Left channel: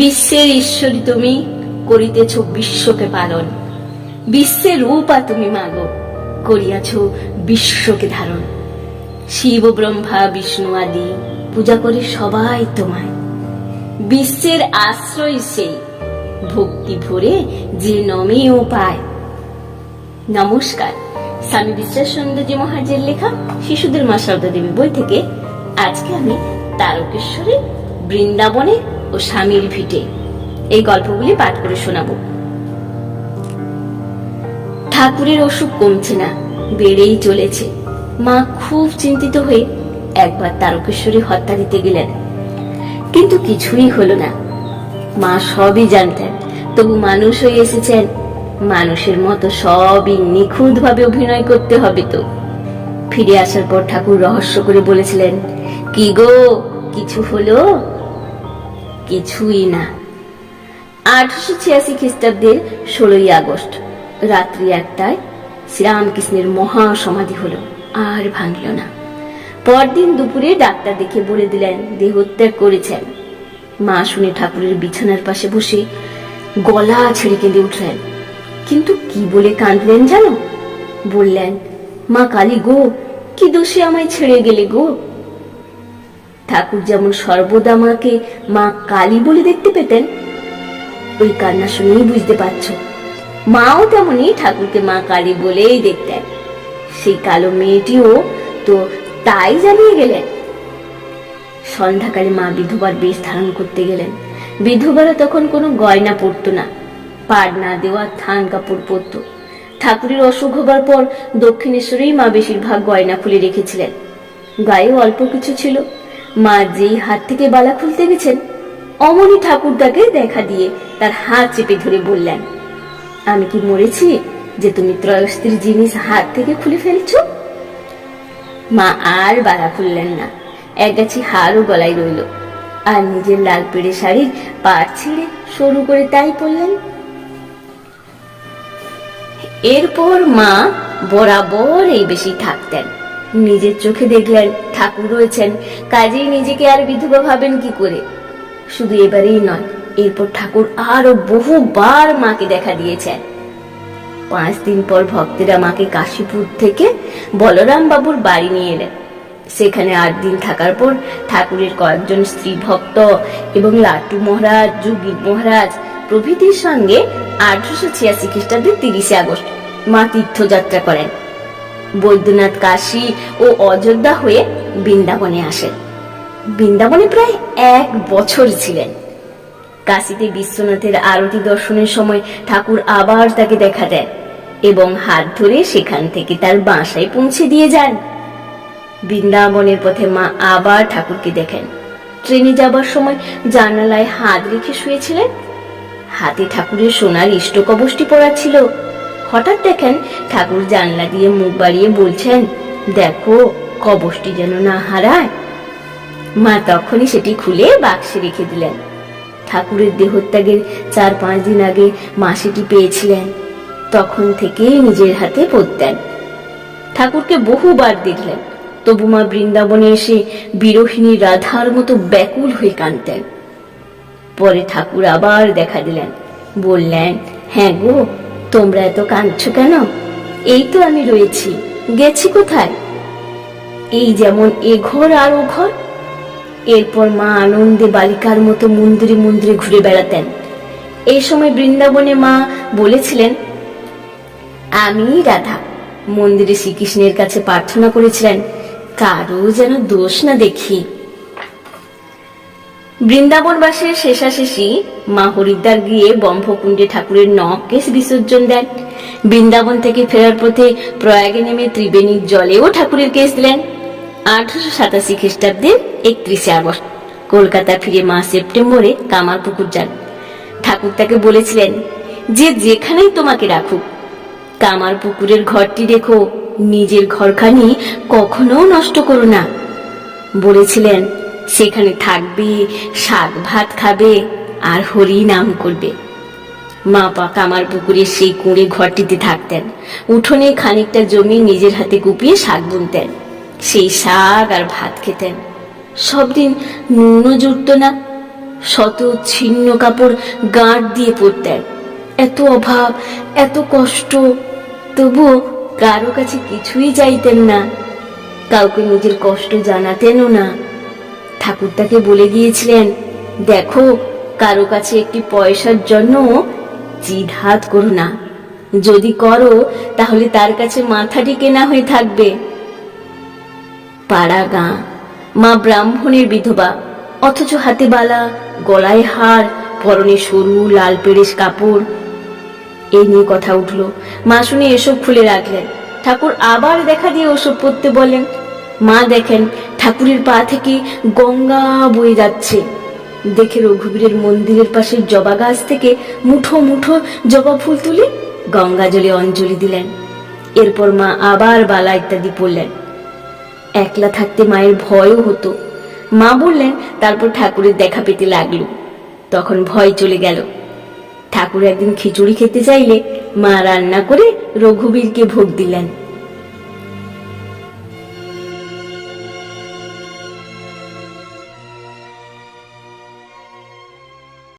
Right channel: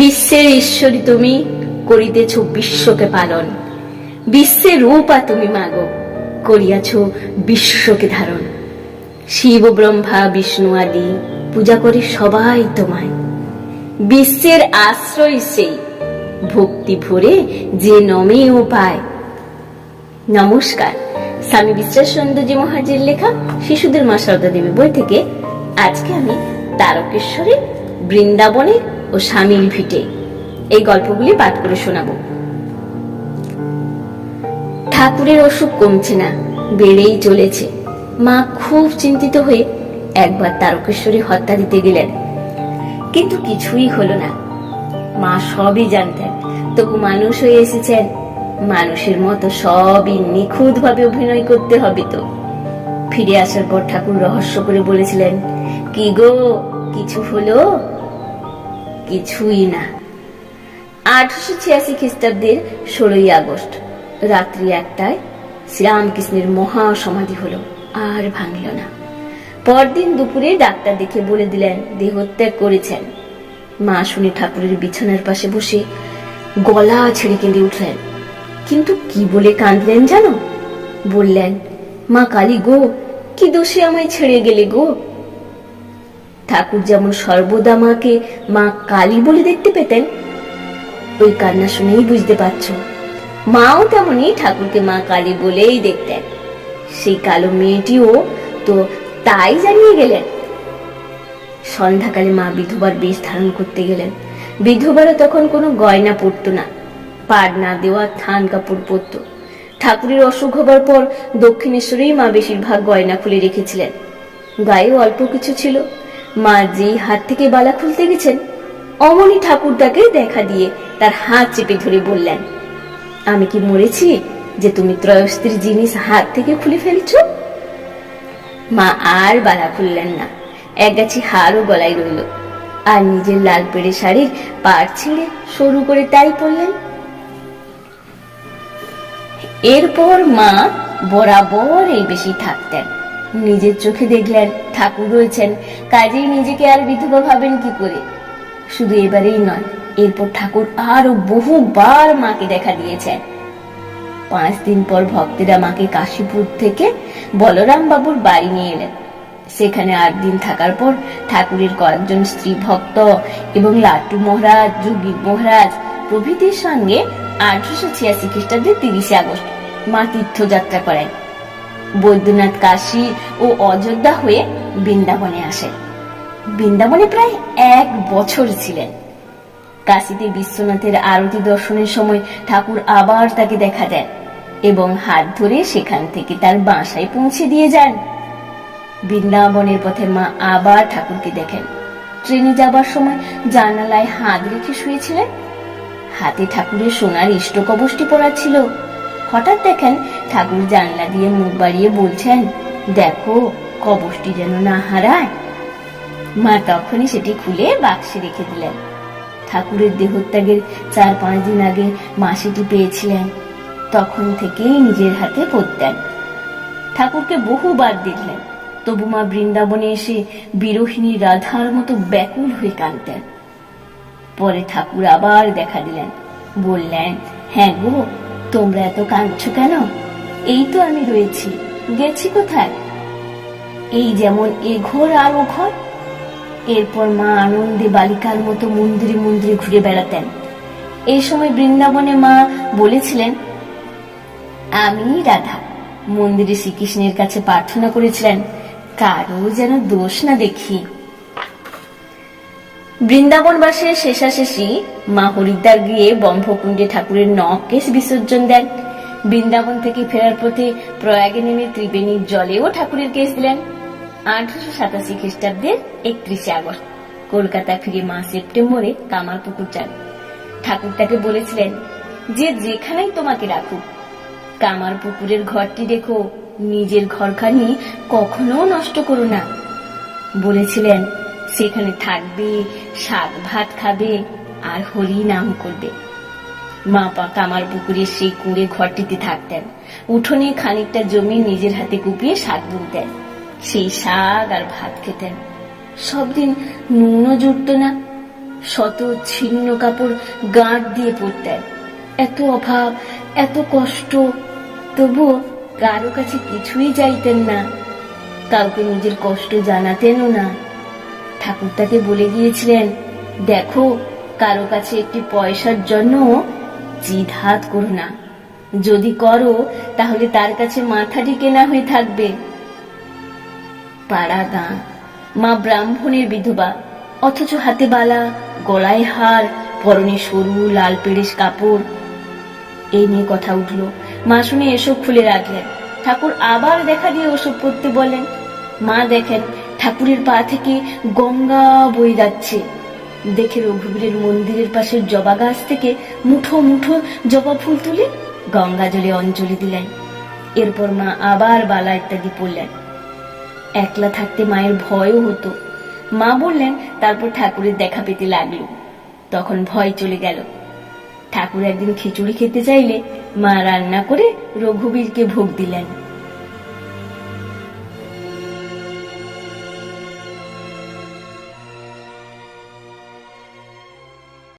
বিশ্বের ঈশ্বরী তুমি, করিতেছ বিশ্বকে পালন। বিশ্বের রূপা তুমি মাগো, করিয়াছ বিশ্বকে ধারণ। শিব ব্রহ্মা বিষ্ণু আদি পূজা করে সবাই তোমায়। বিশ্বের আশ্রয় সেই, ভক্তি ভরে যে নমেও পায়। নমস্কার, স্বামী বিশ্বাসচন্দ্রজি মহারাজের লেখা শিশুদের মা সারদা দেবী বই থেকে আজকে আমি তারকেশ্বরে, বৃন্দাবনে ও স্বামীর ভিটে এই গল্পগুলি পাঠ করে শোনাবো। ঠাকুরের অসুখ কমছে না, বেড়েই চলেছে। মা খুব চিন্তিত হয়ে একবার তারকেশ্বরে হত্যা দিতে গেলেন, কিন্তু কিছুই হলো না। মা সবই জানতেন, তবু মানুষ হয়ে এসেছেন, মানুষের মতো সবই নিখুঁত ভাবে অভিনয় করতে হবে। তো ফিরে আসার পর ঠাকুর রহস্য করে বলেছিলেন, কি গো, কিছু হলো? কিছুই না। 1886 খ্রিস্টাব্দের 16ই আগস্ট রাত্রি 1টায় শ্রীরামকৃষ্ণের মহা সমাধি হলো, আর ভাঙল না। পরদিন দুপুরে ডাক্তার দেখে বলে দিলেন দেহত্যাগ করেছেন। মা শুনে ঠাকুরের বিছানার পাশে বসে গলা ছেড়ে কেঁদে উঠলেন। কিন্তু কি বলে কাঁদলেন জানো? বললেন, মা কালী গো, কি দোষে আমায় ছেড়ে গেলে গো? ঠাকুর যেমন সর্বদা মাকে মা কালী বলে দেখতে পেতেন, ওই কান্না শুনেই বুঝতে পারছ মাও তেমনি ঠাকুরকে মা কালী বলেই দেখতেন। সেই কালো মেয়েটিও তো তাই জানিয়ে গেলেন। সন্ধ্যাকালে মা বিধবার বেশ ধারণ করতে গেলেন। বিধবারা তখন কোনো গয়না পরত না, পাড় না দেওয়া থান কাপড় পরত। ঠাকুরের অসুখ হবার পর দক্ষিণেশ্বরেই মা বেশিরভাগ গয়না খুলে রেখেছিলেন। গায়েও অল্প কিছু ছিল। মা যেই হাত থেকে বালা খুলতে গেছেন, অমনি ঠাকুর তাকে দেখা দিয়ে তার হাত চেপে ধরে বললেন, আমি কি মরেছি যে তুমি ত্রয়স্ত্রী জিনিস হাত থেকে খুলে ফেলছ? মা আর বালা খুললেন না, একগাছি হারও গলায় রইল, আর নিজের লাল পেড়ে শাড়ির পাড় ছেড়ে সরু করে তাই পরলেন। এরপর মা বরাবর এই বেশি থাকতেন। নিজের চোখে দেখলেন ঠাকুর রয়েছেন, কাজেই নিজেকে আর বিধবা ভাবেন কি করে? শুধু এবারেই নয়, এরপর ঠাকুর আরো বহুবার মাকে দেখা দিয়েছেন। 5 দিন পর ভক্তেরা মাকে কাশীপুর থেকে বলরাম বাবুর বাড়ি নিয়ে এলেন। সেখানে 8 দিন থাকার পর ঠাকুরের কয়েকজন স্ত্রী ভক্ত এবং লাট্টু মহারাজ, যুগীর মহারাজ প্রভৃতির সঙ্গে 1886 খ্রিস্টাব্দের 30 আগস্ট মা তীর্থযাত্রা করেন। বৈদ্যনাথ, কাশী ও অযোধ্যা হয়ে বৃন্দাবনে আসেন। বৃন্দাবনে প্রায় 1 বছর ছিলেন। কাশীতে বিশ্বনাথের আরতি দর্শনের সময় ঠাকুর আবার তাকে দেখা দেন এবং হাত ধরে সেখান থেকে তার বাসায় পৌঁছে দিয়ে যান। বৃন্দাবনের পথে মা আবার ঠাকুরকে দেখেন। ট্রেনে যাবার সময় জানালায় হাত রেখে শুয়েছিলেন। হাতে ঠাকুরের সোনার ইষ্টকবচটি পরা ছিল। হঠাৎ দেখেন ঠাকুর জানলা দিয়ে মুখ বাড়িয়ে বলছেন, দেখো কবচটি যেন না হারায়। মা তখনই সেটি খুলে বাক্সে রেখে দিলেন। ঠাকুরের দেহত্যাগের 4-5 দিন আগে মা সেটি পেয়েছিলেন। তখন থেকেই নিজের হাতে পরতেন। ঠাকুরকে বহুবার দেখলেন, তবু মা বৃন্দাবনে এসে বিরোহিণী রাধার মতো ব্যাকুল হয়ে কাঁদতেন। পরে ঠাকুর আবার দেখা দিলেন, বললেন, হ্যাঁ গো, তোমরা এত কাঁদছো কেন? এই তো আমি রয়েছি, গেছি কোথায়? এই যেমন এ ঘর আর ও ঘর। এরপর মা আনন্দে বালিকার মতো মন্দিরে মন্দিরে ঘুরে বেড়াতেন। এই সময় বৃন্দাবনে মা বলেছিলেন, আমি রাধা মন্দিরে শ্রীকৃষ্ণের কাছে প্রার্থনা করেছিলেন, কারো যেন দোষ না দেখি। বৃন্দাবনবাসীর শেষাশেষি মা হরিদ্বার গিয়ে ব্রহ্মকুণ্ডে ঠাকুরের নখকেশ বিসর্জন দেন। বৃন্দাবন থেকে ফেরার পথে প্রয়াগে নেমে ত্রিবেণীর জলেও ঠাকুরের কেশ দিলেন। 1887 খ্রিস্টাব্দের 31 আগস্ট কলকাতা ফিরে মা সেপ্টেম্বরে কামারপুকুর যান। ঠাকুর তাকে বলেছিলেন, যে যেখানেই তোমাকে রাখুক, কামারপুকুরের ঘরটি রেখো, নিজের ঘরখানি কখনো নষ্ট করো না। বলেছিলেন, সেখানে থাকবে, শাক ভাত খাবে আর হরি নাম করবে। মা কামারপুকুরের সেই কুঁড়ে ঘরটিতে থাকতেন। উঠোনে খানিকটা জমি নিজের হাতে কুপিয়ে শাক বুনতেন, সেই শাক আর ভাত খেতেন। সব দিন নুনও জুটত না। শত ছিন্ন কাপড় গাঁট দিয়ে পরতেন। এত অভাব, এত কষ্ট, তবুও কারো কাছে কিছুই চাইতেন না, কাউকে নিজের কষ্ট জানাতেনও না। ঠাকুর তাকে বলে গিয়েছিলেন, দেখো, কারো কাছে একটি পয়সার জন্য জিদ হাত করো না, যদি করো তাহলে তার কাছে মাথাটি কেনা হয়ে থাকবে। পাড়া গাঁ, মা ব্রাহ্মণের বিধবা, অথচ হাতে বালা, গলায় হার, পরনে সরু লাল পেরেশ কাপড়। এই নিয়ে কথা উঠল। মা শুনে এসব খুলে রাখলেন। ঠাকুর আবার দেখা দিয়ে ওসব পড়তে বলেন। মা দেখেন ঠাকুরের পা থেকে গঙ্গা বয়ে যাচ্ছে। দেখে রঘুবীরের মন্দিরের পাশের জবা গাছ থেকে মুঠো মুঠো জবা ফুল তুলে গঙ্গা জলে অঞ্জলি দিলেন। এরপর মা আবার বালা ইত্যাদি পড়লেন। একলা থাকতে মায়ের ভয়ও হতো। মা বললেন, তারপর ঠাকুরের দেখা পেতে লাগলো। তখন ভয় চলে গেল। ঠাকুর একদিন খিচুড়ি খেতে চাইলে মা রান্না করে রঘুবীরকে ভোগ দিলেন।